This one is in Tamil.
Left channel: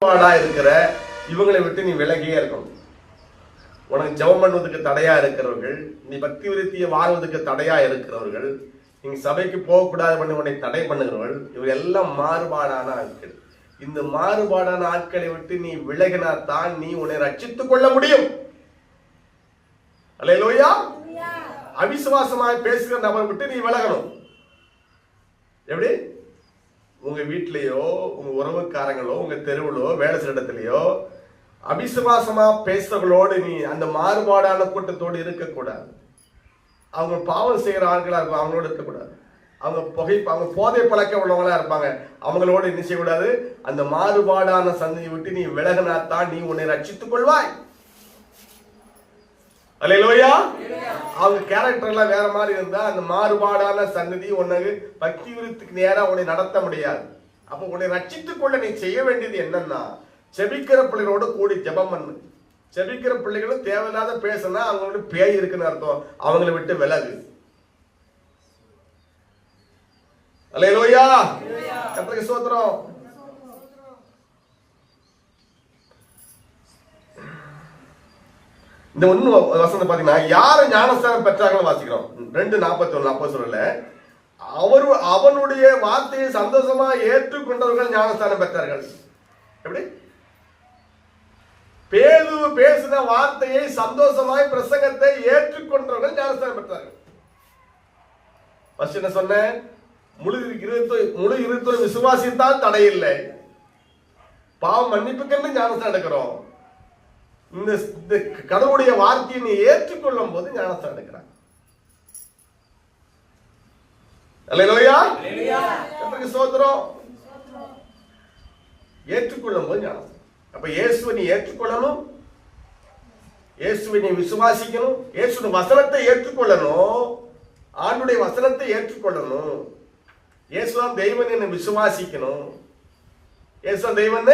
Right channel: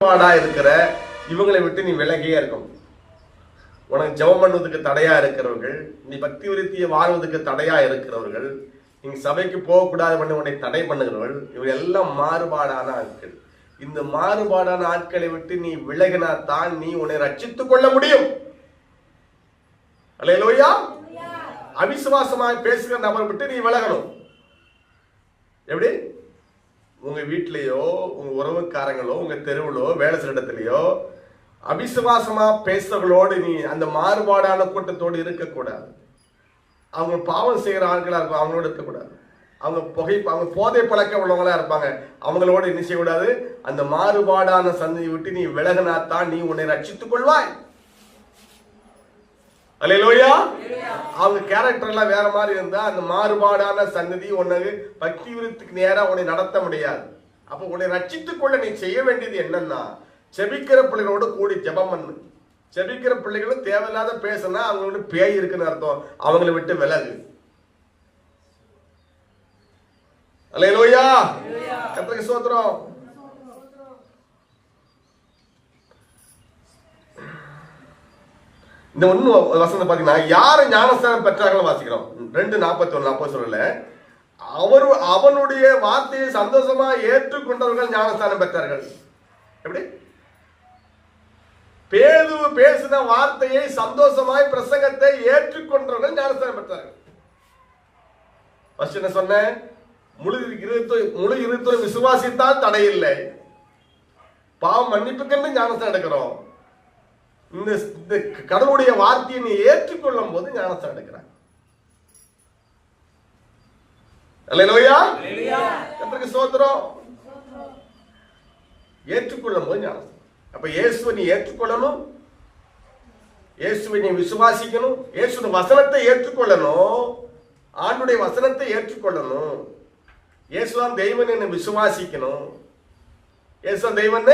இருக்கிற இவங்களை விட்டு நீ விலகியே இருக்கணும். உனக்கு ஜெபம் பண்ணுவதற்கு தடையா இருக்கிறவர்கள், நீ பக்தி விருத்தியை வாழ்வதற்கு தடையா இருக்கிறவர்கள், நீங்க சபைக்கு போகக்கூடாது பண்ணி உன்னை தடை பண்ணுகிறவர்கள், இவங்க எல்லாம் மாறுபாடான ஆட்கள். இந்த மாறுபாடான ஆட்களை விட்டு நீ விலகினா தான் நீ உன்னை ரட்சித்துக் கொள்ள முடியும். அல்லேலூயா. அவிசுவாசமாக பேசுகிற நபரை விட்டு நீ விலகணும். எப்படி? உங்க வீட்லயோ உங்க உறவுக்காரங்களோ உங்க தெருவிலோ வேலை செய்யற இடத்துலயோ அவிசுவாசமா பேசுறவங்களோடு நீ அந்த மாறுபாடான கூட்டத்தோடு இருக்கக்கூடாது. அவங்க பாவம் செய்யற ஆட்களா இருக்கும், அவங்களோட இருக்கக்கூடாது. அவங்க போதை பழக்க உள்ளவங்களா இருப்பாங்க, அவங்களோட என்ன செய்யக்கூடாது. அந்த மாறுபாடான சந்தையை விட்டு நீ விலகினாத்தான் நீ உன்னை ரட்சித்துக் கொள்வாய். அல்லேலூயா. அவங்க கேரக்டர் எல்லாம் வேற மாதிரி இருந்தா அந்த மாறுபாடான சன்னதி உனக்கு பக்தி விருத்திக்கு நேரா உன்னை நடத்த முடியாது. அப்ப உன்னை ரட்சித்துக் கொள்ள நீ செய்ய வேண்டியது என்னன்னா, செபிக்கிற பிள்ளைகளோட கூடி ஜெபம் பண்ணு. செபிக்கிற பிள்ளைகளும் தேவையில்லாத பேசினா அவங்களுக்கு பேய் இருக்குன்னு அர்த்தம். அவங்களை விட்டு விலகு. அல்லேலூயா. கர்த்தருக்கு ஸ்தோத்திரம். இந்த ஒண்ணு வசனம் பாத்தீங்கன்னா, யாரு ஞானஸ்தானம் பெற்றார்கள் வாசிக்கிறோம். 2:41 அப்போ சொல்லல, அவனுடைய வார்த்தையை சந்தோஷமா ஏற்றுக்கொண்டவர்கள் ஞானஸ்தானம் பெற்றார்கள். எப்படி? பேதுரு பேசின வார்த்தையை சந்தோஷமாய் பிரசங்கத்தை ஏற்றுக்கொண்டவர்கள் ஞானஸ்தானம் பெற்றார்கள். என்ன சொன்ன? முழு இருத்தோடு விசுவாசித்தால் தடையில்லை. பாவம் மன்னிப்புக்கென்று ஞானஸ்தானம் எடுக்கிறோம். இந்த கடவுளுடைய வார்த்தையை நீ ஏற்றுக்கொள்ளும் போது ஞானஸ்தானம் எடுக்கிறார். அல்லேலூயா. கர்த்தருக்கு ஸ்தோத்திரம். ஏற்றுக்கொள்ளும் போது ஞானஸ்தானம். அப்ப இயேசுவை நீ ஏற்றுக்கொள்ளணும், இயேசுவை நீ விசுவாசிக்கணும், இயேசுவின் வசனத்தை ஏற்றுக்கொள்ளணும், ஆண்டுடைய வசனத்தை ஏற்றுக்கொள்ளணும். இயேசுதான் தெய்வன் என்று விசுவாசிக்கணும். இயேசுதான் தெய்வன்